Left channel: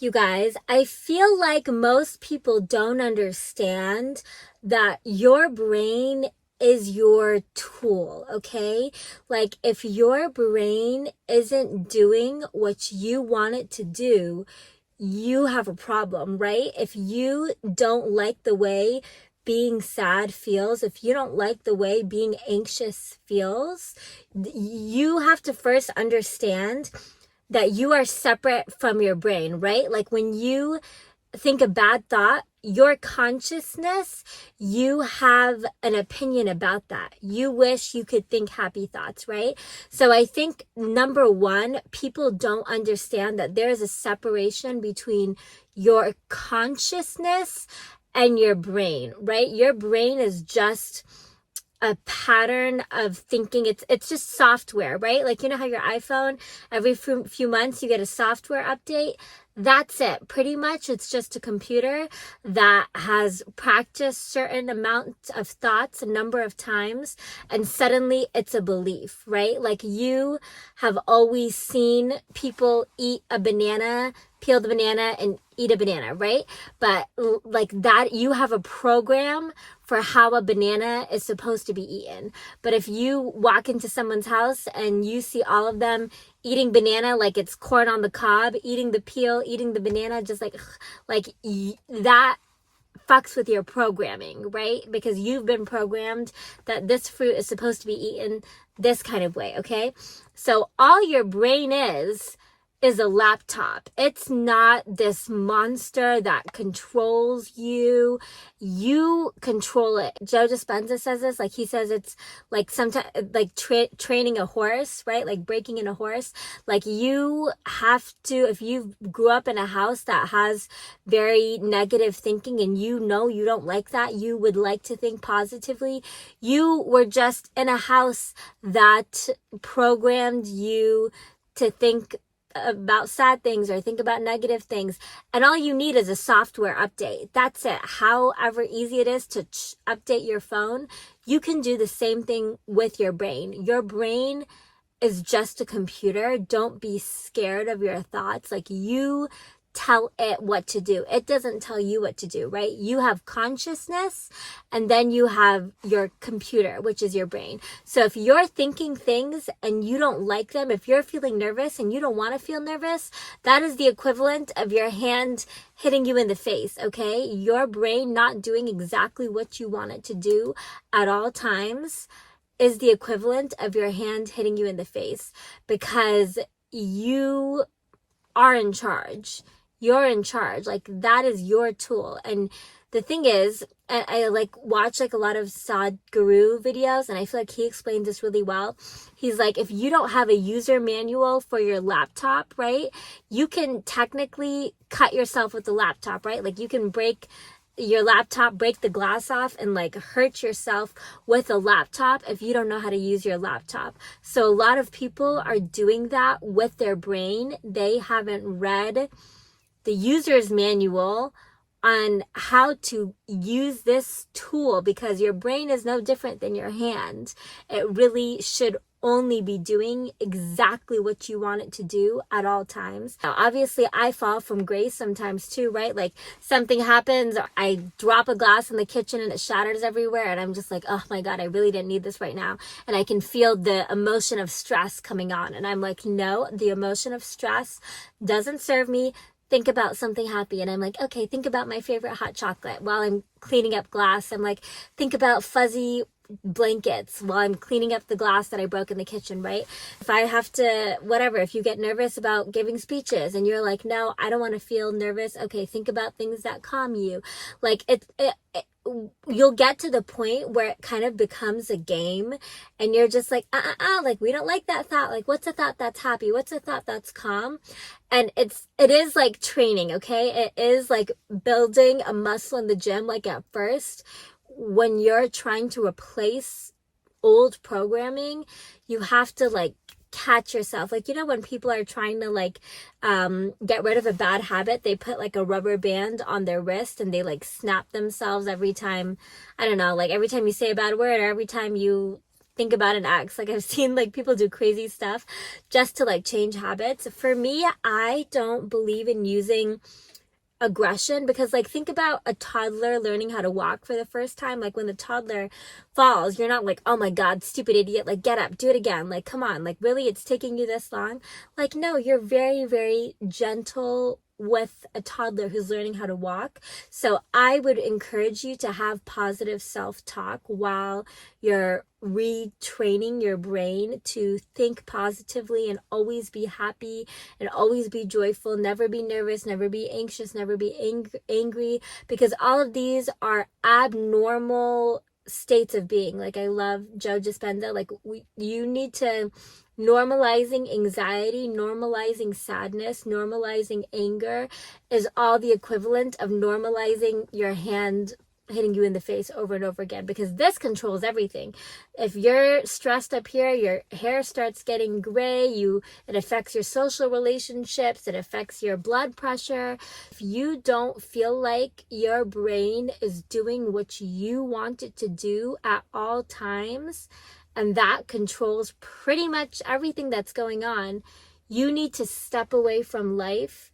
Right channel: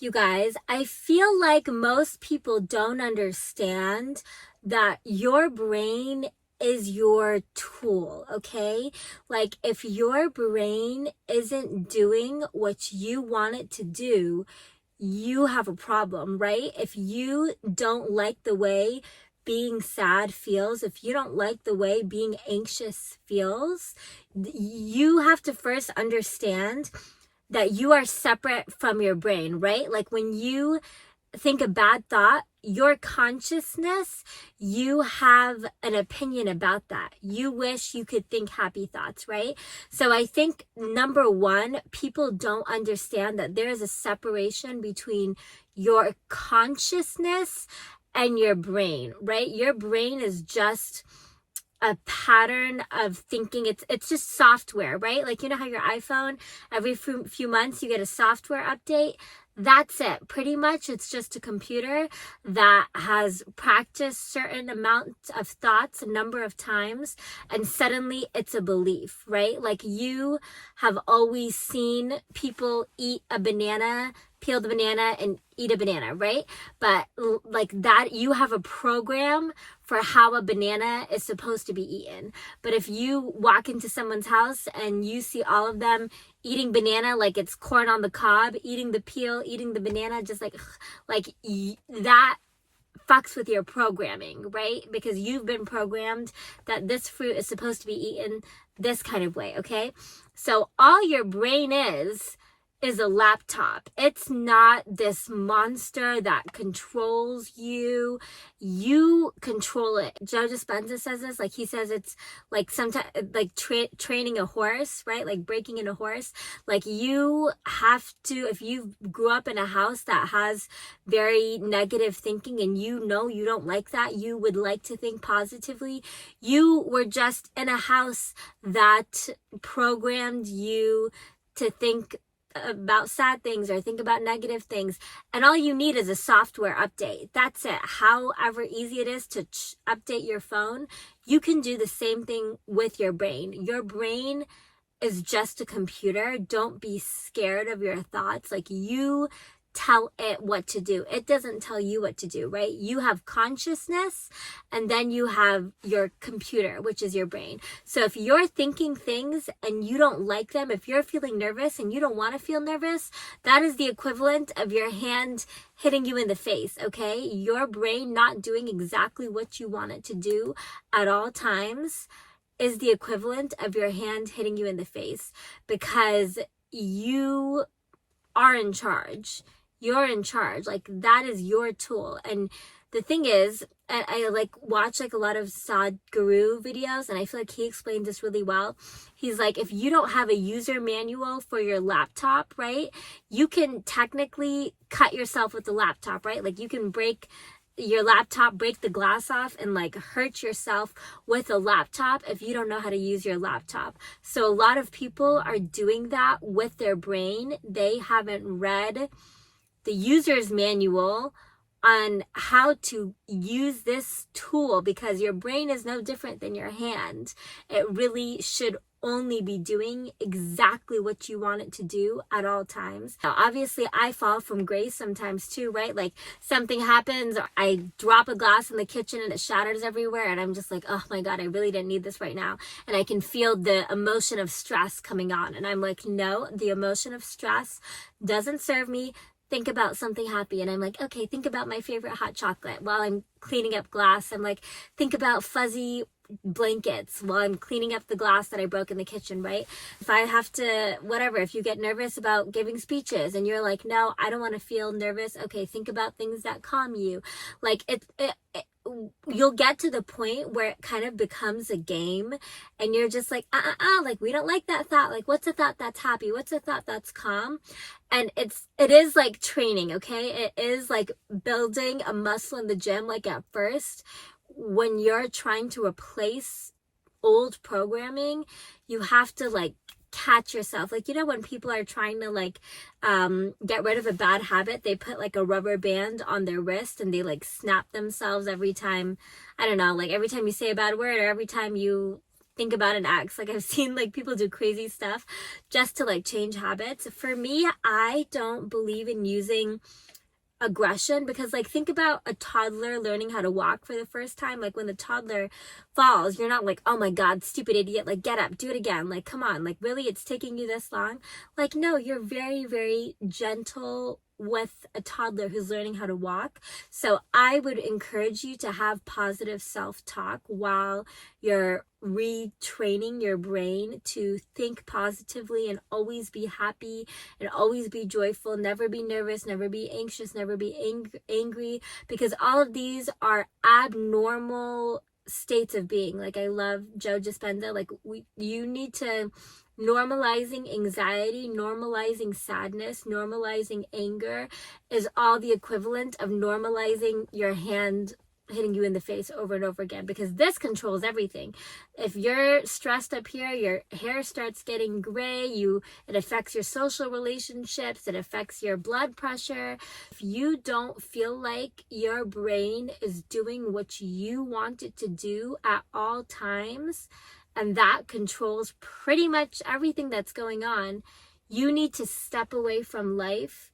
You guys, I feel like most people don't understand that your brain is your tool, okay? Like, if your brain isn't doing what you want it to do, you have a problem, right? If you don't like the way being sad feels, if you don't like the way being anxious feels, you have to first understand that you are separate from your brain, right? Like when you think a bad thought, your consciousness, you have an opinion about that. You wish you could think happy thoughts, right? So I think number one, people don't understand that there is a separation between your consciousness and your brain, right? Your brain is just a pattern of thinking. It's just software, right? Like, you know how your iPhone, every few months you get a software update. That's it. Pretty much it's just a computer that has practiced certain amounts of thoughts a number of times, and suddenly it's a belief, right? Like, you have always seen people eat a banana, peel the banana and eat a banana, right? But like that, you have a program for how a banana is supposed to be eaten. But if you walk into someone's house and you see all of them eating banana like it's corn on the cob, eating the peel, eating the banana, just like that fucks with your programming, right? Because you've been programmed that this fruit is supposed to be eaten this kind of way, okay? So all your brain is a laptop. It's not this monster that controls you. You control it. Joe Dispenza says this, like he says it's like sometimes like training a horse, right? Like breaking in a horse. Like you have to, if you grew up in a house that has very negative thinking and you know you don't like that, you would like to think positively. You were just in a house that programmed you to think about sad things or think about negative things, and all you need is a software update. That's it. However easy it is to update your phone, you can do the same thing with your brain. Your brain is just a computer. Don't be scared of your thoughts. Like, you tell it what to do. It doesn't tell you what to do, right? You have consciousness, and then you have your computer, which is your brain. So if you're thinking things and you don't like them, if you're feeling nervous and you don't want to feel nervous, that is the equivalent of your hand hitting you in the face, okay? Your brain not doing exactly what you want it to do at all times is the equivalent of your hand hitting you in the face, because you are in charge. You're in charge. Like, that is your tool. And the thing is, I like watch like a lot of Sadhguru videos, and I feel like he explains this really well. He's like, if you don't have a user manual for your laptop, right, you can technically cut yourself with the laptop, right? Like, you can break your laptop, break the glass off, and like hurt yourself with a laptop if you don't know how to use your laptop. So a lot of people are doing that with their brain. They haven't read the user's manual on how to use this tool, because your brain is no different than your hand. It really should only be doing exactly what you want it to do at all times. Now, obviously, I fall from grace sometimes too, right? Like, something happens, I drop a glass in the kitchen and it shatters everywhere, and I'm just like, oh my God, I really didn't need this right now. And I can feel the emotion of stress coming on. And I'm like, no, the emotion of stress doesn't serve me. Think about something happy. And I'm like, okay, think about my favorite hot chocolate. While I'm cleaning up glass, I'm like, think about fuzzy blankets while I'm cleaning up the glass that I broke in the kitchen, right? If I have to, whatever, if you get nervous about giving speeches and you're like, no, I don't want to feel nervous. Okay, think about things that calm you. Like, you'll get to the point where it kind of becomes a game, and you're just like, like, we don't like that thought. Like, what's a thought that's happy? What's a thought that's calm? And it is like training, okay? It is like building a muscle in the gym. Like, at first, when you're trying to replace old programming, you have to like catch yourself. Like, you know, when people are trying to like get rid of a bad habit, they put like a rubber band on their wrist and they like snap themselves every time, I don't know, like every time you say a bad word or every time you think about and act. Like I've seen like people do crazy stuff just to like change habits. For me, I don't believe in using aggression, because like think about a toddler learning how to walk for the first time. Like when the toddler falls, you're not like, oh my god, stupid idiot, like get up, do it again, like come on, like really, it's taking you this long. Like no, you're very, very gentle with a toddler who's learning how to walk. So I would encourage you to have positive self-talk while you're retraining your brain to think positively and always be happy and always be joyful, never be nervous, never be anxious, never be angry, because all of these are abnormal states of being. Like I love Joe Dispenza, like you need to normalizing anxiety, normalizing sadness, normalizing anger is all the equivalent of normalizing your hand hitting you in the face over and over again, because this controls everything. If you're stressed up here, your hair starts getting gray, it affects your social relationships, it affects your blood pressure. If you don't feel like your brain is doing what you want it to do at all times, and that controls pretty much everything that's going on, you need to step away from life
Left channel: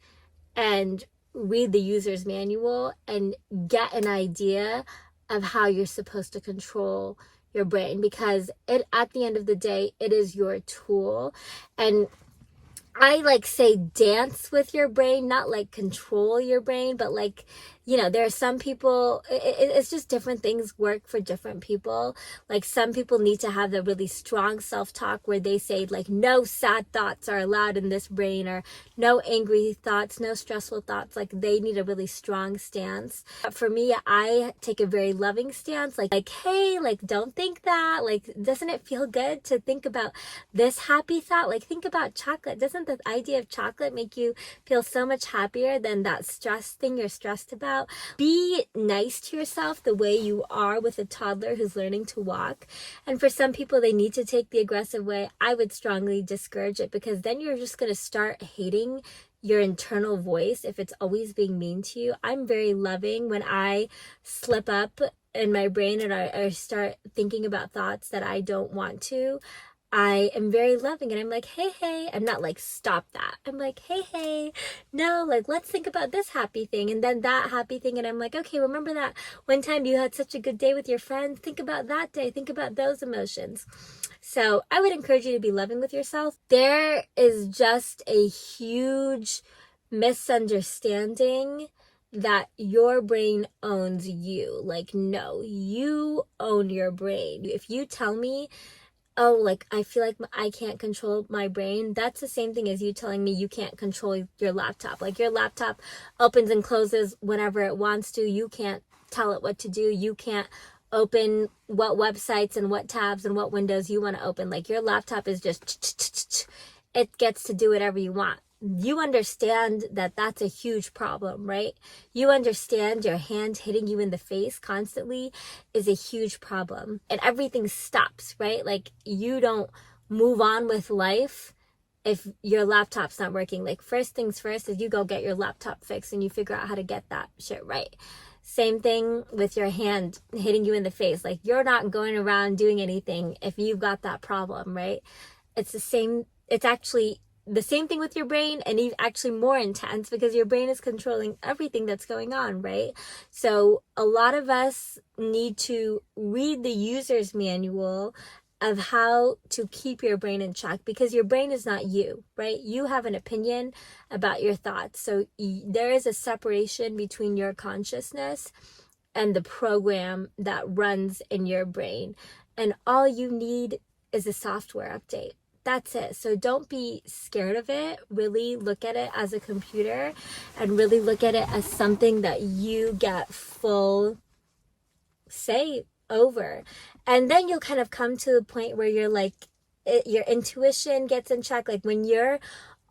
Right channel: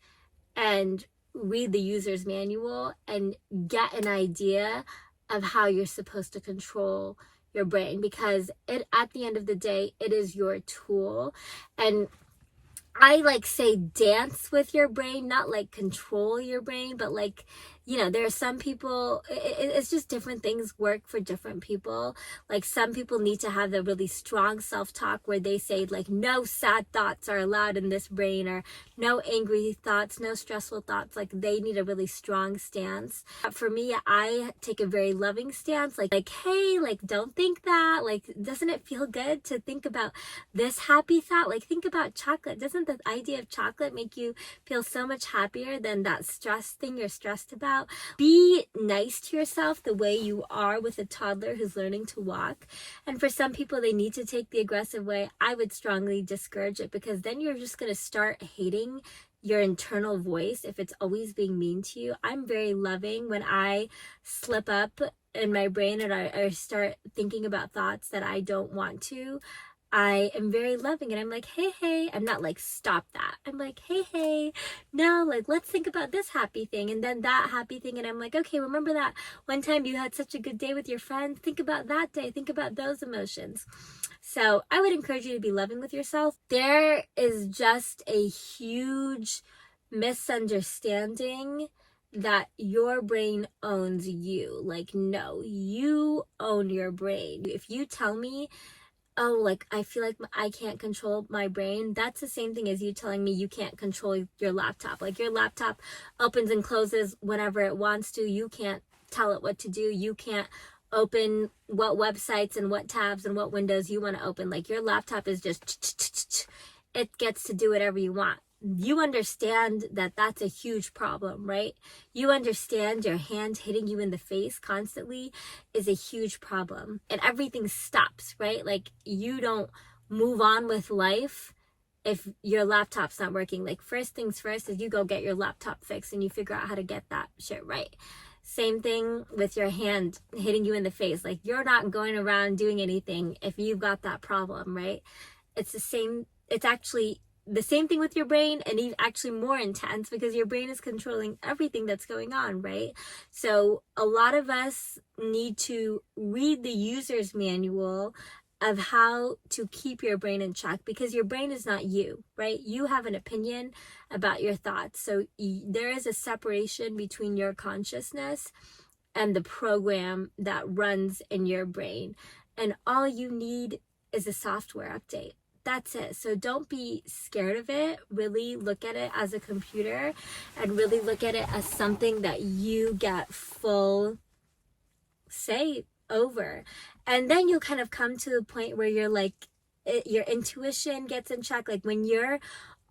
and read the user's manual and get an idea of how you're supposed to control your brain, because at the end of the day, it is your tool. And I like say dance with your brain, not like control your brain, but like, there are some people, it's just different things work for different people. Like some people need to have the really strong self-talk where they say like, no sad thoughts are allowed in this brain, or no angry thoughts, no stressful thoughts. Like they need a really strong stance. But for me, I take a very loving stance, like, hey, like don't think that, like, doesn't it feel good to think about this happy thought? Like think about chocolate. Doesn't the idea of chocolate make you feel so much happier than that stress thing you're stressed about? Be nice to yourself the way you are with a toddler who's learning to walk. And for some people, they need to take the aggressive way. I would strongly discourage it, because then you're just going to start hating your internal voice if it's always being mean to you. I'm very loving when I slip up in my brain and I start thinking about thoughts that I don't want to. I am very loving, and I'm like, hey, I'm not like, stop that. I'm like, hey, no, like, let's think about this happy thing, and then that happy thing. And I'm like, okay, remember that one time you had such a good day with your friends? Think about that day. Think about those emotions. So I would encourage you to be loving with yourself. There is just a huge misunderstanding that your brain owns you. Like, no, you own your brain. If you tell me, oh, like, I feel like I can't control my brain, that's the same thing as you telling me you can't control your laptop. Like, your laptop opens and closes whenever it wants to. You can't tell it what to do. You can't open what websites and what tabs and what windows you want to open. Like, your laptop is just, it gets to do whatever you want. You understand that that's a huge problem, right? You understand your hand hitting you in the face constantly is a huge problem, and everything stops, right? Like, you don't move on with life if your laptop's not working. Like, first things first is you go get your laptop fixed and you figure out how to get that shit right. Same thing with your hand hitting you in the face. Like, you're not going around doing anything if you've got that problem, right? It's actually the same thing with your brain, and even actually more intense, because your brain is controlling everything that's going on, right? So a lot of us need to read the user's manual of how to keep your brain in check, because your brain is not you, right? You have an opinion about your thoughts. So there is a separation between your consciousness and the program that runs in your brain. And all you need is a software update. That's it. So don't be scared of it. Really look at it as a computer, and really look at it as something that you get full say over. And then you'll kind of come to the point where you're like, your intuition gets in check. Like, when you're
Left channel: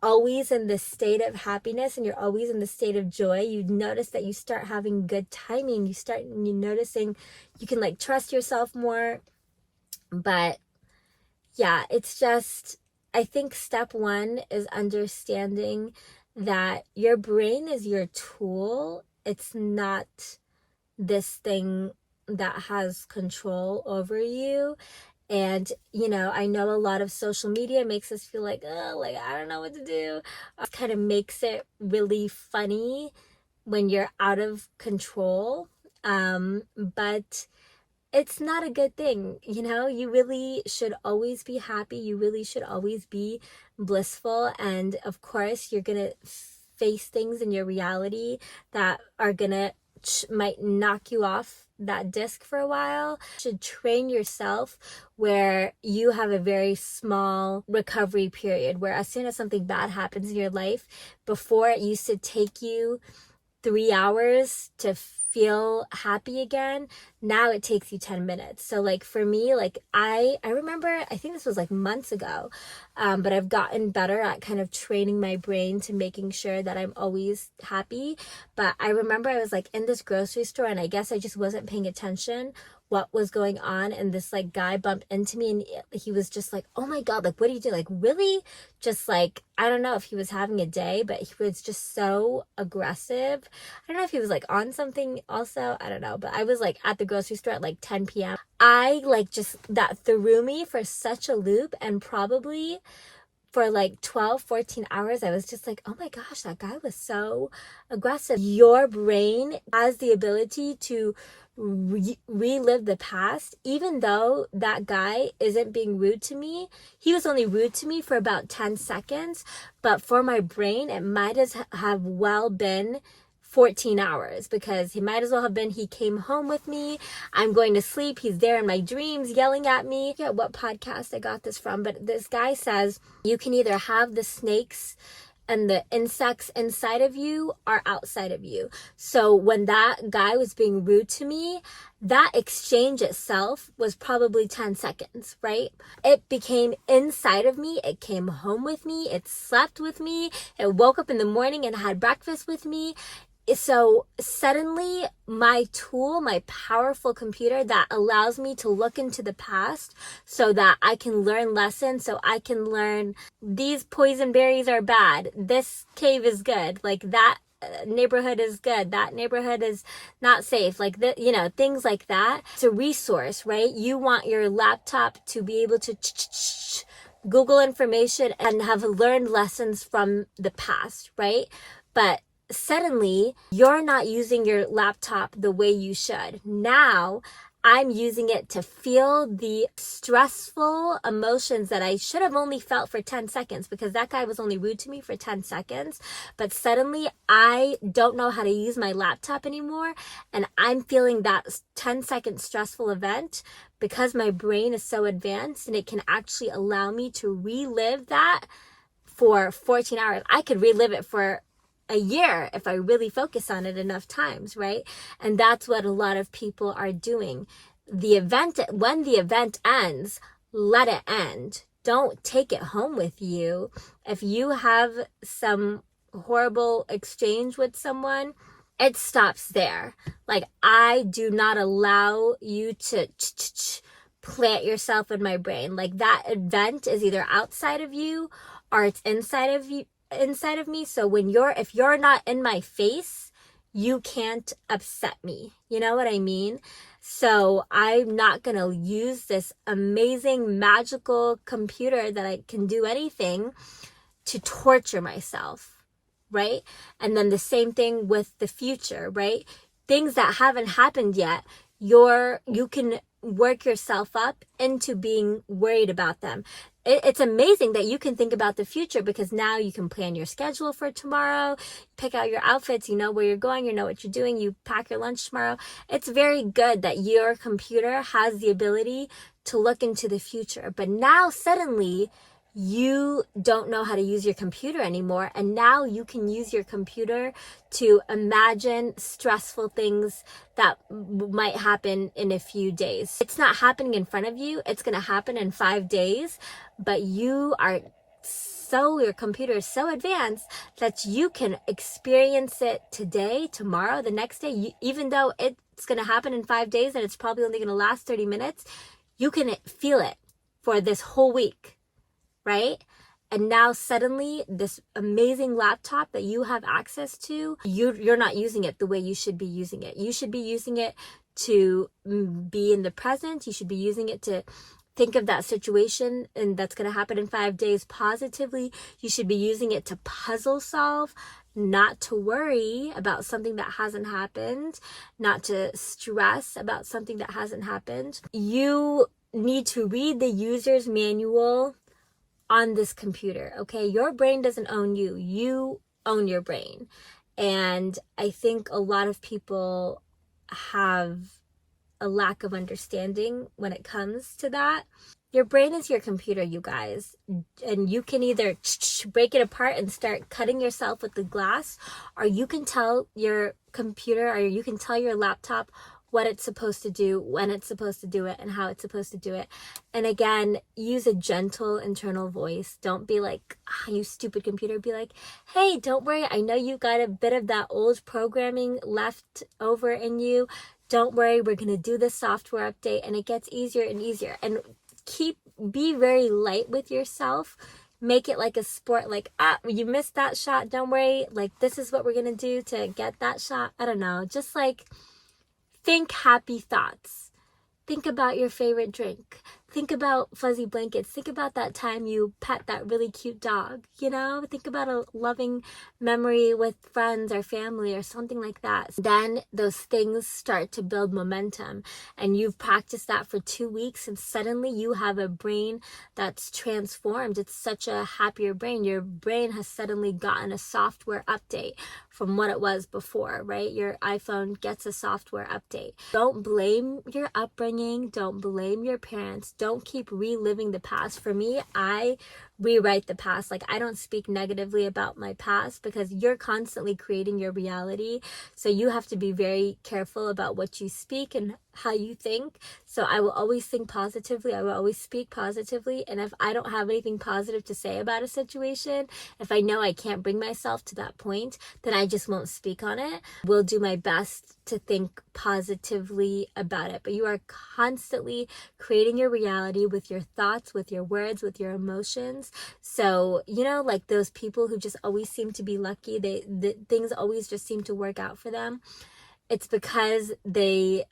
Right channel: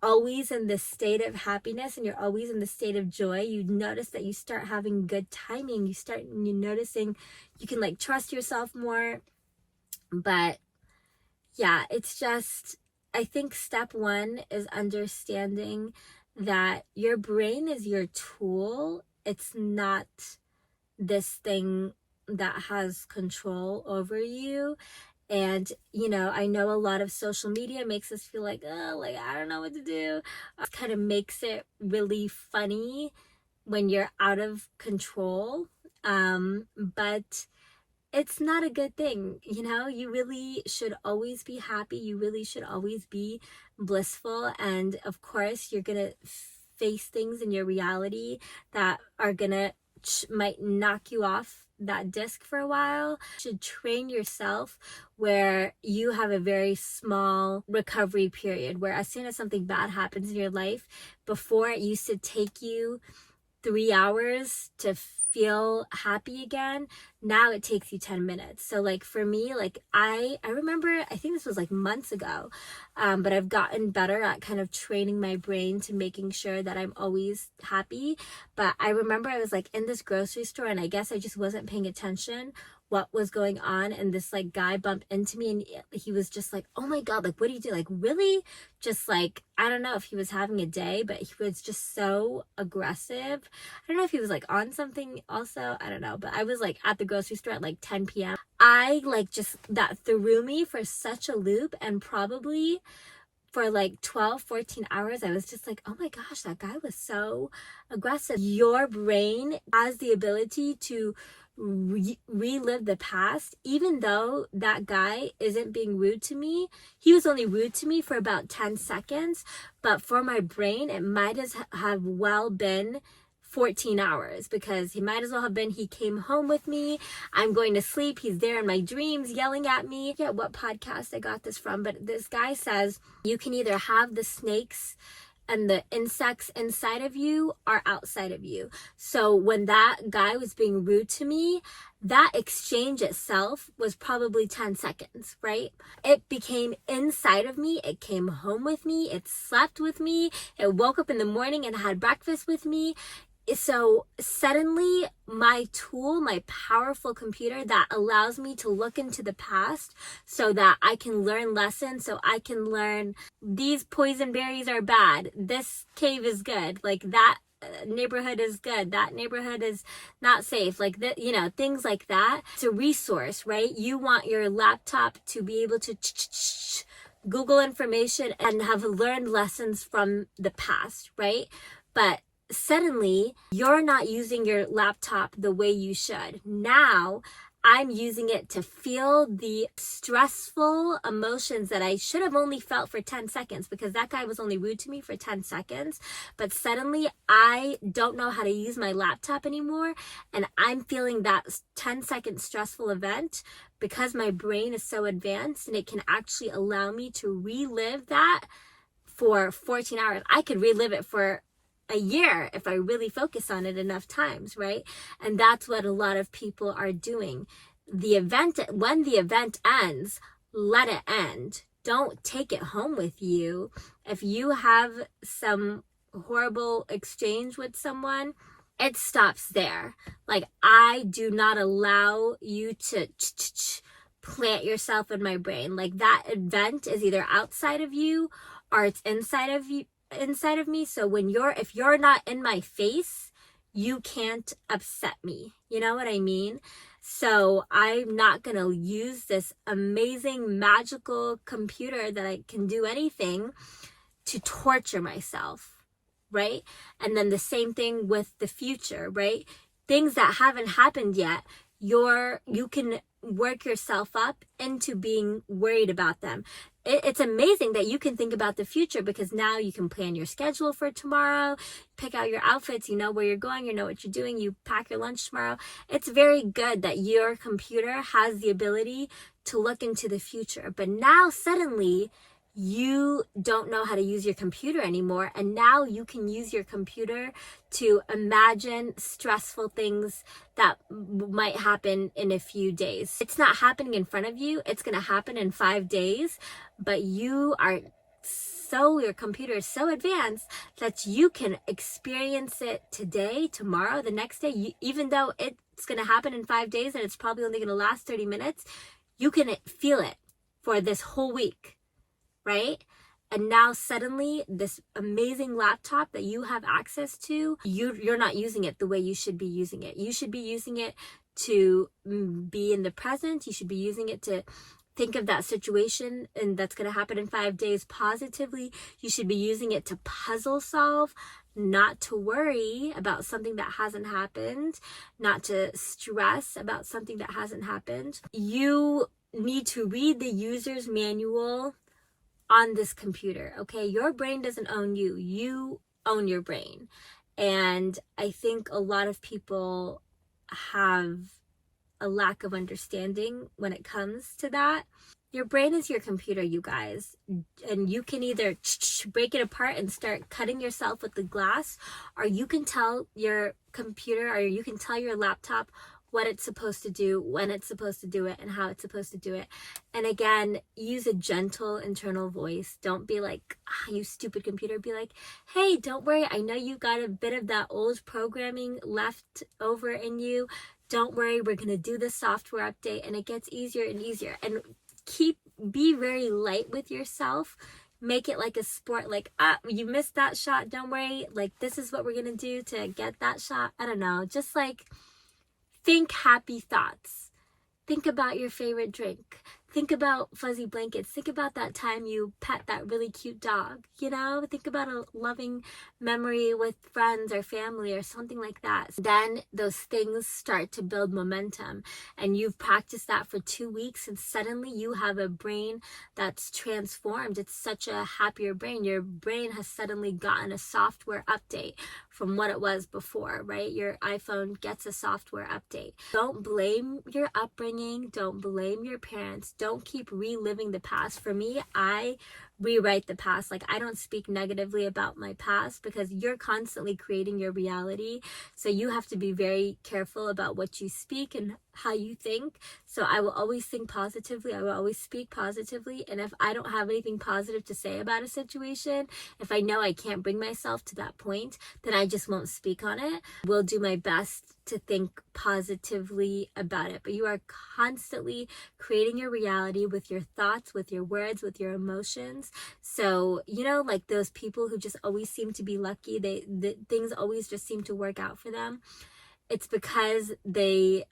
always in this state of happiness and you're always in the state of joy, you notice that you start having good timing. You noticing you can like trust yourself more. But yeah, it's just, I think step one is understanding that your brain is your tool. It's not this thing that has control over you. And, you know, I know a lot of social media makes us feel like, oh, like, I don't know what to do. It kind of makes it really funny when you're out of control. But it's not a good thing. You know, you really should always be happy. You really should always be blissful. And of course, you're going to face things in your reality that are going to might knock you off that disc for a while. You should train yourself where you have a very small recovery period, where as soon as something bad happens in your life, before it used to take you 3 hours to feel happy again, now it takes you 10 minutes. So like for me, like I remember, I think this was like months ago, but I've gotten better at kind of training my brain to making sure that I'm always happy. But I remember I was like in this grocery store, and I guess I just wasn't paying attention what was going on, and this like guy bumped into me, and he was just like, oh my god, like what do you do, like really, just like, I don't know if he was having a day, but he was just so aggressive. I don't know if he was like on something also, I don't know, but I was like at the grocery store at like 10 p.m. I like just, that threw me for such a loop, and probably for like 12-14 hours I was just like, oh my gosh, that guy was so aggressive. Your brain has the ability to relive the past. Even though that guy isn't being rude to me, he was only rude to me for about 10 seconds, but for my brain it might as have well been 14 hours, because he might as well have been, he came home with me, I'm going to sleep, he's there in my dreams yelling at me. I forget what podcast I got this from, but this guy says you can either have the snakes and the insects inside of you or outside of you. So when that guy was being rude to me, that exchange itself was probably 10 seconds, right? It became inside of me. It came home with me. It slept with me. It woke up in the morning and had breakfast with me. So suddenly my tool, my powerful computer that allows me to look into the past so that I can learn lessons, so I can learn these poison berries are bad, this cave is good, like that neighborhood is good, that neighborhood is not safe, like that, you know, things like that. It's a resource, right? You want your laptop to be able to Google information and have learned lessons from the past, right? But suddenly you're not using your laptop the way you should. Now I'm using it to feel the stressful emotions that I should have only felt for 10 seconds, because that guy was only rude to me for 10 seconds. But suddenly I don't know how to use my laptop anymore, and I'm feeling that 10-second stressful event because my brain is so advanced, and it can actually allow me to relive that for 14 hours. I could relive it for a year if I really focus on it enough times, right? And that's what a lot of people are doing. The event, when the event ends, let it end. Don't take it home with you. If you have some horrible exchange with someone, it stops there. Like, I do not allow you to plant yourself in my brain. Like, that event is either outside of you or it's inside of me. So if you're not in my face, you can't upset me. You know what I mean? So I'm not going to use this amazing magical computer that I can do anything to torture myself, right? And then the same thing with the future, right? Things that haven't happened yet, you can work yourself up into being worried about them. It's amazing that you can think about the future, because now you can plan your schedule for tomorrow, pick out your outfits, you know where you're going, you know what you're doing, you pack your lunch tomorrow. It's very good that your computer has the ability to look into the future. But now suddenly you don't know how to use your computer anymore, and now you can use your computer to imagine stressful things that might happen in a few days. It's not happening in front of you, it's going to happen in 5 days, but your computer is so advanced that you can experience it today, tomorrow, the next day. Even though it's going to happen in 5 days and it's probably only going to last 30 minutes, you can feel it for this whole week, right? And now suddenly this amazing laptop that you have access to, you're not using it the way you should be using it. You should be using it to be in the present. You should be using it to think of that situation and that's going to happen in 5 days positively. You should be using it to puzzle solve, not to worry about something that hasn't happened, not to stress about something that hasn't happened. You need to read the user's manual on this computer, okay? Your brain doesn't own you. You own your brain. And I think a lot of people have a lack of understanding when it comes to that. Your brain is your computer, you guys, and you can either break it apart and start cutting yourself with the glass, or you can tell your computer, or you can tell your laptop what it's supposed to do, when it's supposed to do it, and how it's supposed to do it. And again, use a gentle internal voice. Don't be like, you stupid computer. Be like, hey, don't worry. I know you got a bit of that old programming left over in you. Don't worry. We're going to do the software update, and it gets easier and easier. And be very light with yourself. Make it like a sport, like, you missed that shot. Don't worry. Like, this is what we're going to do to get that shot. I don't know. Just like, think happy thoughts. Think about your favorite drink. Think about fuzzy blankets. Think about that time you pet that really cute dog, you know? Think about a loving memory with friends or family or something like that. Then those things start to build momentum, and you've practiced that for 2 weeks, and suddenly you have a brain that's transformed. It's such a happier brain. Your brain has suddenly gotten a software update from what it was before, right? Your iPhone gets a software update. Don't blame your upbringing. Don't blame your parents. Don't keep reliving the past. For me, I rewrite the past. Like, I don't speak negatively about my past, because you're constantly creating your reality. So you have to be very careful about what you speak and how you think. So I will always think positively. I will always speak positively. And if I don't have anything positive to say about a situation, if I know I can't bring myself to that point, then I just won't speak on it. Will do my best to think positively about it. But you are constantly creating your reality with your thoughts, with your words, with your emotions. So, you know, like those people who just always seem to be lucky, things always just seem to work out for them. It's because they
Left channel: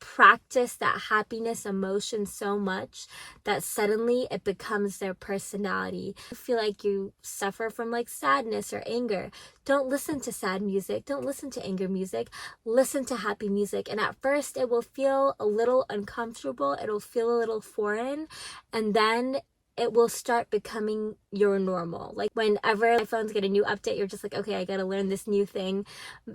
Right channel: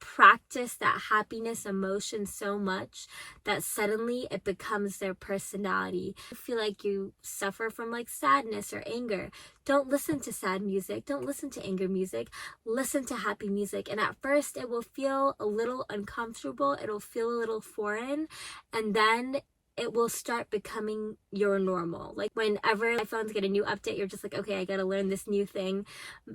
practice that happiness emotion so much that suddenly it becomes their personality. You feel like you suffer from like sadness or anger. Don't listen to sad music. Don't listen to anger music. Listen to happy music. And at first it will feel a little uncomfortable. It'll feel a little foreign. And then it will start becoming your normal. Like whenever iPhones get a new update, you're just like, okay, I gotta learn this new thing.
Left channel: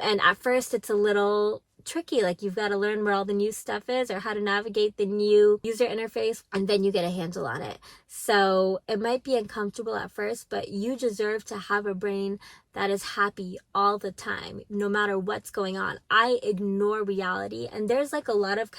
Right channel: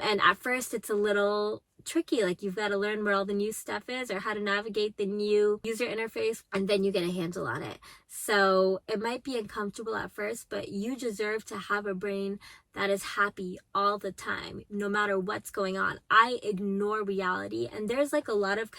And at first it's a little tricky, like you've got to learn where all the new stuff is or how to navigate the new user interface, and then you get a handle on it. So it might be uncomfortable at first, but you deserve to have a brain that is happy all the time, no matter what's going on. I ignore reality, and there's like a lot of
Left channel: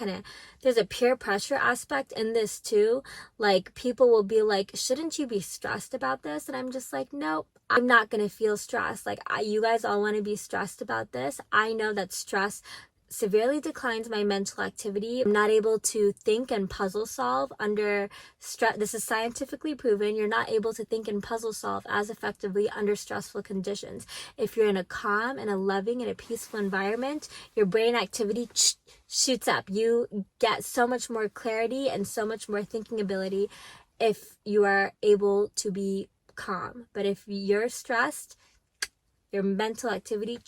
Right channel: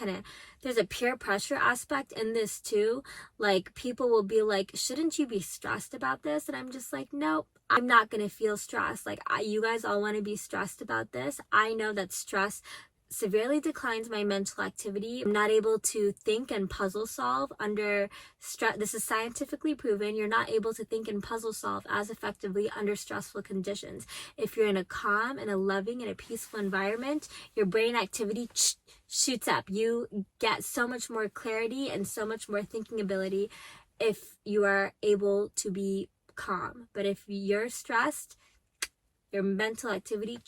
there's a peer pressure aspect in this too. Like people will be like, shouldn't you be stressed about this? And I'm just like, nope, I'm not gonna feel stressed. Like you guys all want to be stressed about this. I know that stress severely declines my mental activity. I'm not able to think and puzzle solve under stress. This is scientifically proven. You're not able to think and puzzle solve as effectively under stressful conditions. If you're in a calm and a loving and a peaceful environment, your brain activity shoots up. You get so much more clarity and so much more thinking ability if you are able to be calm. But if you're stressed, your mental activity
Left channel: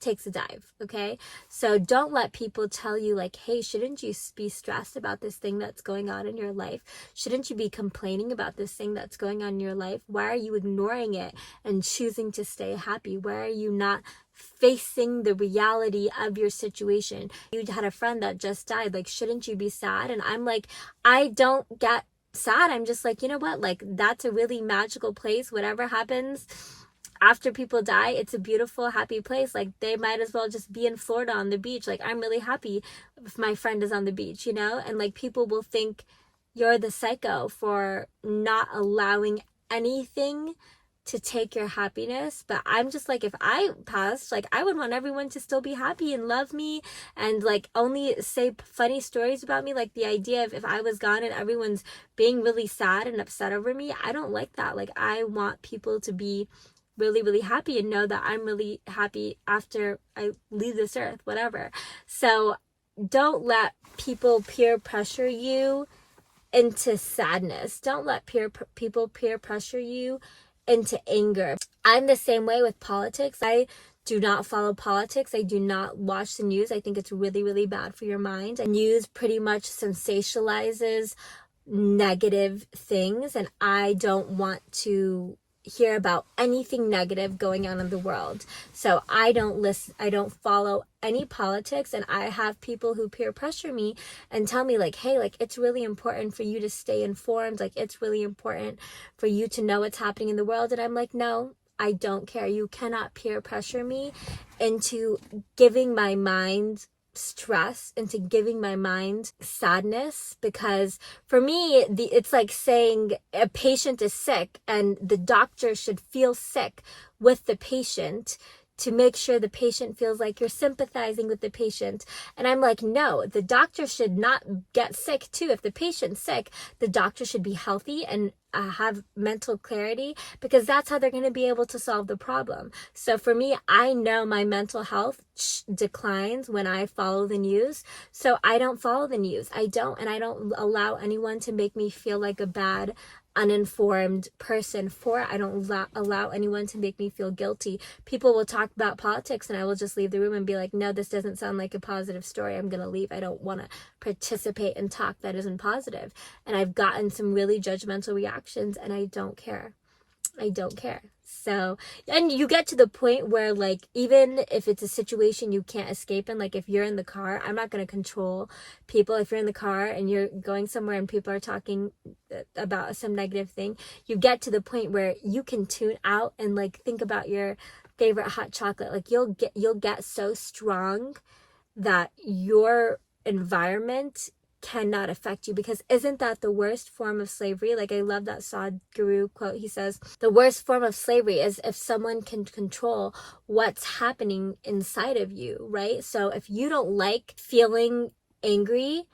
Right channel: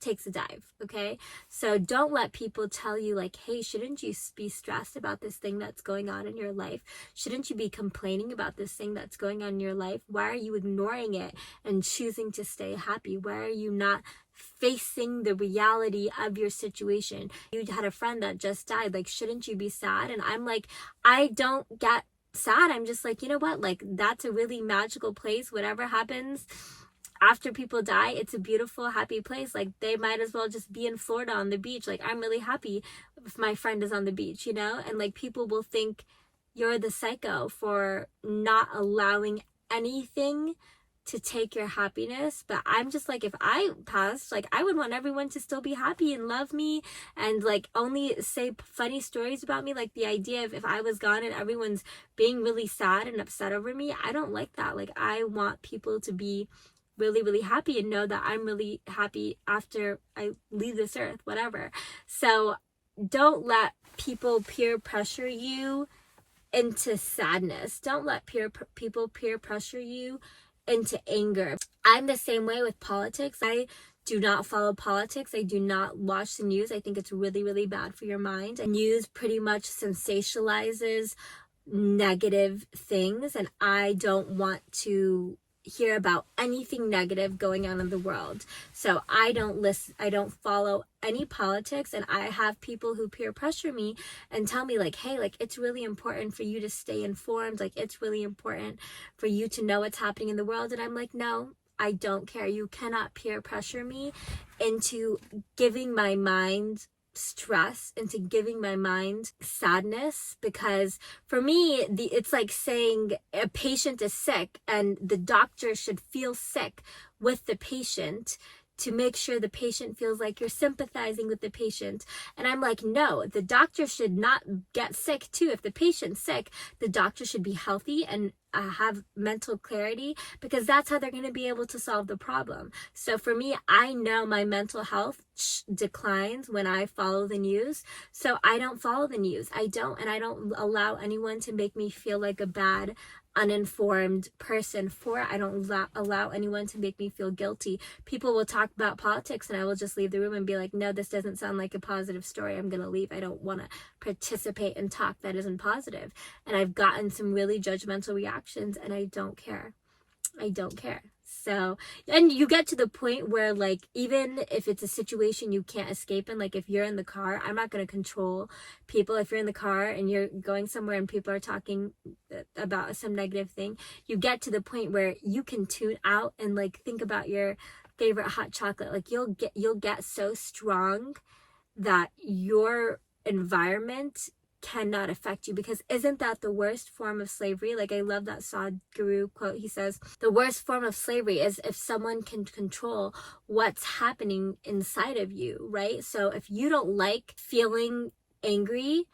takes a dive, okay? So don't let people tell you like, hey, shouldn't you be stressed about this thing that's going on in your life? Shouldn't you be complaining about this thing that's going on in your life? Why are you ignoring it and choosing to stay happy? Why are you not facing the reality of your situation? You had a friend that just died. Like, shouldn't you be sad? And I'm like, I don't get sad. I'm just like, you know what? Like, that's a really magical place. Whatever happens after people die, it's a beautiful, happy place. Like, they might as well just be in Florida on the beach. Like, I'm really happy if my friend is on the beach, you know? And like, people will think you're the psycho for not allowing anything to take your happiness. But I'm just like, if I passed, like, I would want everyone to still be happy and love me and like only say funny stories about me. Like, the idea of if I was gone and everyone's being really sad and upset over me, I don't like that. Like, I want people to be really, really happy and know that I'm really happy after I leave this earth, whatever. So don't let people peer pressure you into sadness. Don't let people peer pressure you into anger. I'm the same way with politics. I do not follow politics. I do not watch the news. I think it's really, really bad for your mind. And news pretty much sensationalizes negative things, and I don't want to hear about anything negative going on in the world. So I don't follow any politics, and I have people who peer pressure me and tell me like, hey, like it's really important for you to stay informed, like it's really important for you to know what's happening in the world. And I'm like, no, I don't care. You cannot peer pressure me into giving my mind stress, into giving my mind sadness, because for me it's like saying a patient is sick and the doctor should feel sick with the patient to make sure the patient feels like you're sympathizing with the patient. And I'm like, no, the doctor should not get sick too. If the patient's sick, the doctor should be healthy and have mental clarity, because that's how they're going to be able to solve the problem. So for me, I know my mental health declines when I follow the news. So I don't follow the news. I don't allow anyone to make me feel like a bad, uninformed person I don't allow anyone to make me feel guilty. People will talk about politics and I will just leave the room and be like, no, this doesn't sound like a positive story. I'm gonna leave. I don't want to participate in talk that isn't positive. And I've gotten some really judgmental reactions, and I don't care. So, and you get to the point where, like, even if it's a situation you can't escape in, like if you're in the car, I'm not going to control people. If you're in the car and you're going somewhere and people are talking about some negative thing, you get to the point where you can tune out and like think about your favorite hot chocolate. Like you'll get so strong that your environment cannot affect you, because isn't that the worst form of slavery? Like I love that Sadhguru quote. He says the worst form of slavery is if someone can control what's happening inside of you, right? So if you don't like feeling angry,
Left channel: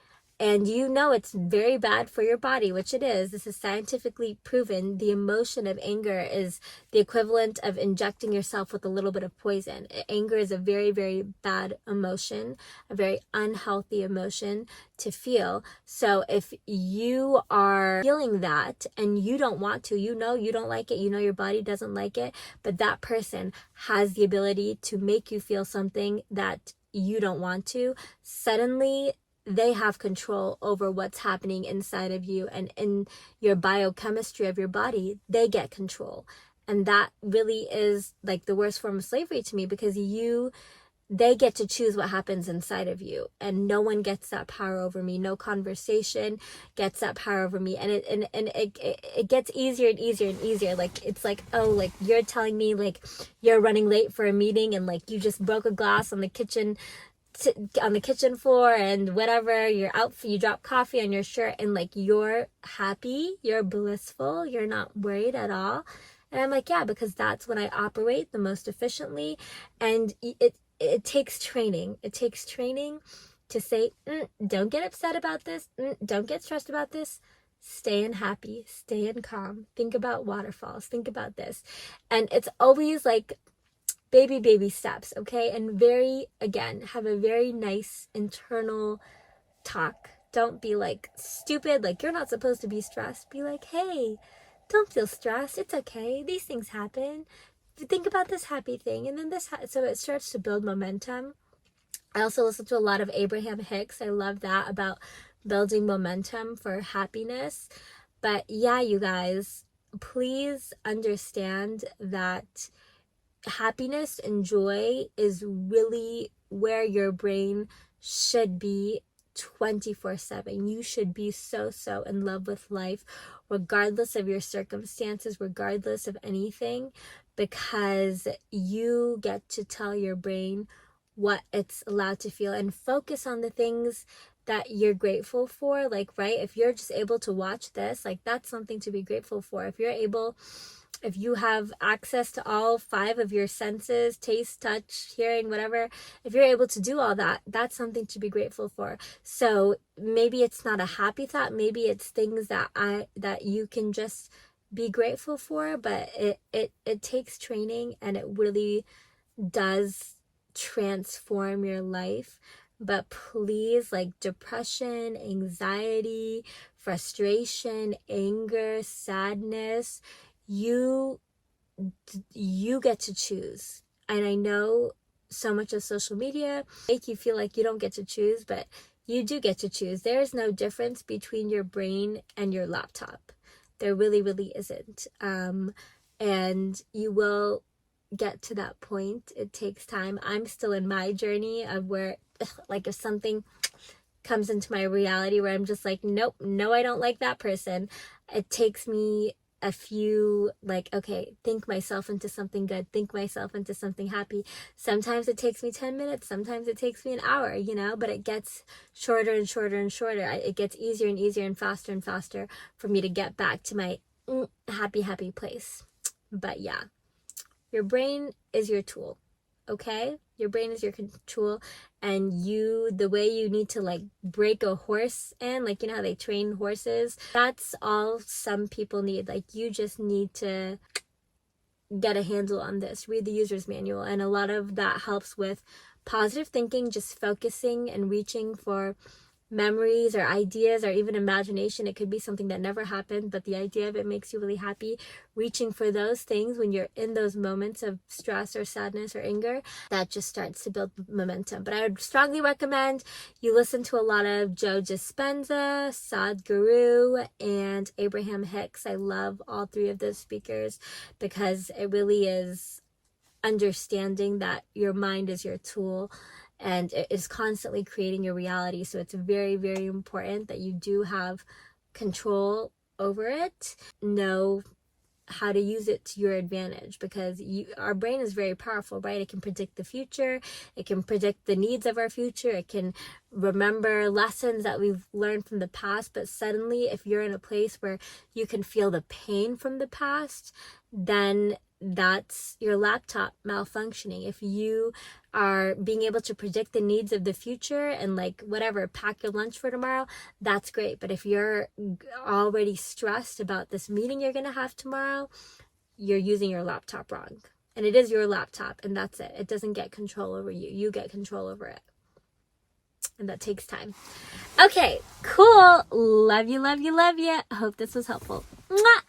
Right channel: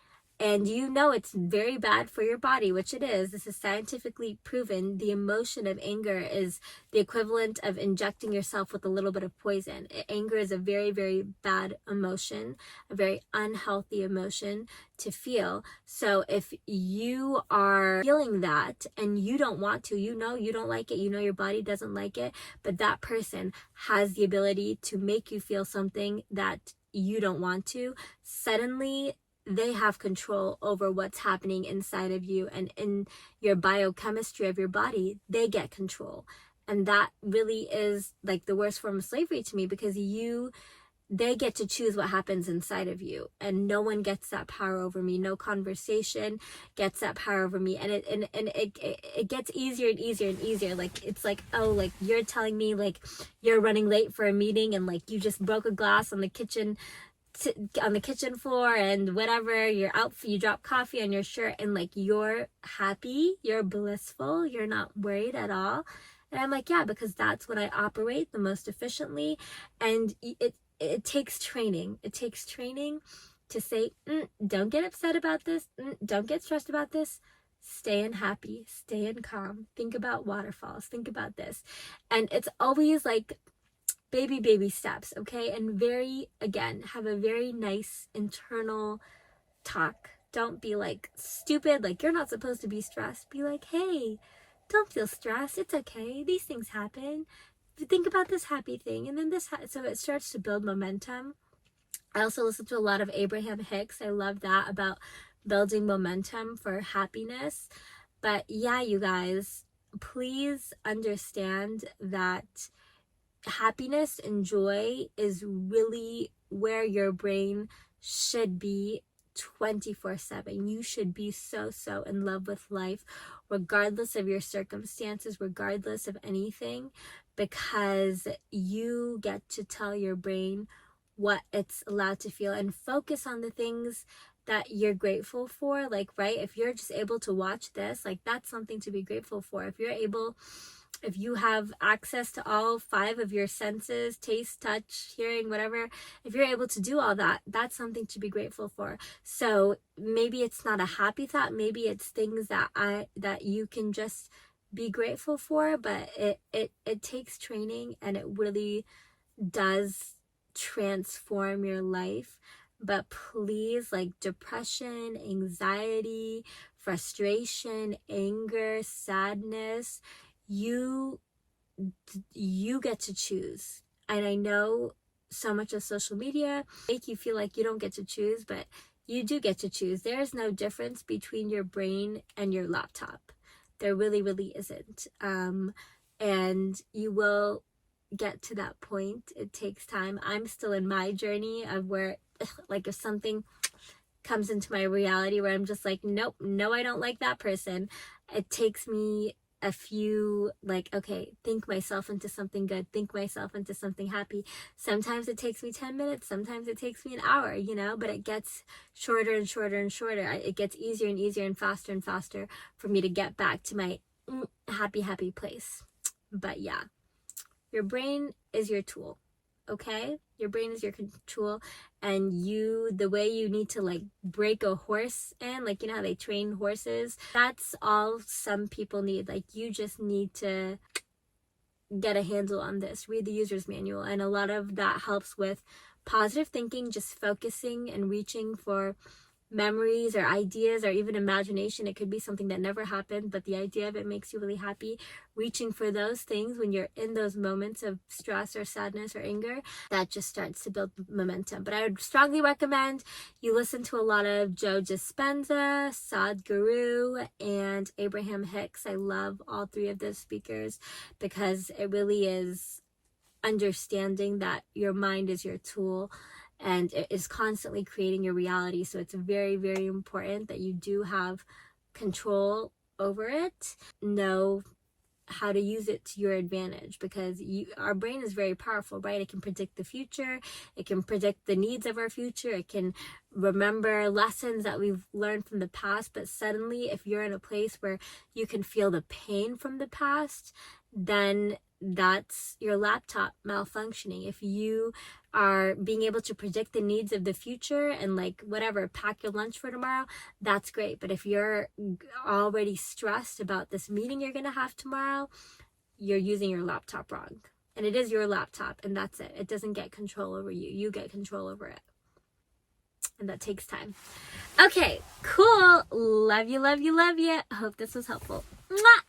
and you know it's very bad for your body, which it is, this is scientifically proven, the emotion of anger is the equivalent of injecting yourself with a little bit of poison. Anger is a very, very bad emotion, a very unhealthy emotion to feel. So if you are feeling that and you don't want to, you know you don't like it, you know your body doesn't like it, but that person has the ability to make you feel something that you don't want to, suddenly they have control over what's happening inside of you, and in your biochemistry of your body, they get control. And that really is like the worst form of slavery to me, because they get to choose what happens inside of you, and no one gets that power over me. No conversation gets that power over me. And it gets easier and easier and easier. Like it's like, oh, like you're telling me like you're running late for a meeting and like you just broke a glass on the kitchen floor and whatever, you're out, you drop coffee on your shirt, and like you're happy, you're blissful, you're not worried at all. And I'm like, yeah, because that's when I operate the most efficiently. And it takes training. It takes training to say, don't get upset about this, don't get stressed about this, stay in happy, stay in calm, think about waterfalls, think about this. And it's always like baby steps, okay? And have a very nice internal talk. Don't be like stupid, like you're not supposed to be stressed. Be like, hey, don't feel stressed, it's okay, these things happen, think about this happy thing, and then so it starts to build momentum. I also listen to a lot of Abraham Hicks. I love that, about building momentum for happiness. But yeah, you guys, please understand that happiness and joy is really where your brain should be 24/7. You should be so in love with life, regardless of your circumstances, regardless of anything, because you get to tell your brain what it's allowed to feel, and focus on the things that you're grateful for. Like, right, if you're just able to watch this, like that's something to be grateful for. If you have access to all 5 of your senses, taste, touch, hearing, whatever, if you're able to do all that, that's something to be grateful for. So maybe it's not a happy thought, maybe it's things that you can just be grateful for, but it takes training, and it really does transform your life. But please, like depression, anxiety, frustration, anger, sadness, you get to choose. And I know so much of social media make you feel like you don't get to choose, but you do get to choose. There's no difference between your brain and your laptop. There really, really isn't. And you will get to that point. It takes time. I'm still in my journey of where, like, if something comes into my reality where I'm just like, nope, no, I don't like that person. It takes me a few, like, okay, think myself into something good, think myself into something happy. Sometimes it takes me 10 minutes, sometimes it takes me an hour, you know, but it gets shorter and shorter and shorter. It gets easier and easier and faster for me to get back to my happy place. But yeah, your brain is your tool, okay? Your brain is your tool, and the way you need to like break a horse in, like, you know how they train horses, that's all some people need. Like, you just need to get a handle on this, read the user's manual, and a lot of that helps with positive thinking, just focusing and reaching for memories or ideas or even imagination. It could be something that never happened, but the idea of it makes you really happy. Reaching for those things when you're in those moments of stress or sadness or anger, that just starts to build momentum. But I would strongly recommend you listen to a lot of Joe Dispenza, Sadhguru, and Abraham Hicks. I love all three of those speakers because it really is understanding that your mind is your tool and it is constantly creating your reality. So it's very, very important that you do have control over it. Know how to use it to your advantage, because our brain is very powerful, right? It can predict the future. It can predict the needs of our future. It can remember lessons that we've learned from the past. But suddenly, if you're in a place where you can feel the pain from the past, then that's your laptop malfunctioning. If you are being able to predict the needs of the future and, like, whatever, pack your lunch for tomorrow, that's great. But if you're already stressed about this meeting you're going to have tomorrow, you're using your laptop wrong. And it is your laptop, and that's it. It doesn't get control over you. You get control over it. And that takes time. Okay, cool. Love you, love you, love you. I hope this was helpful. Mwah!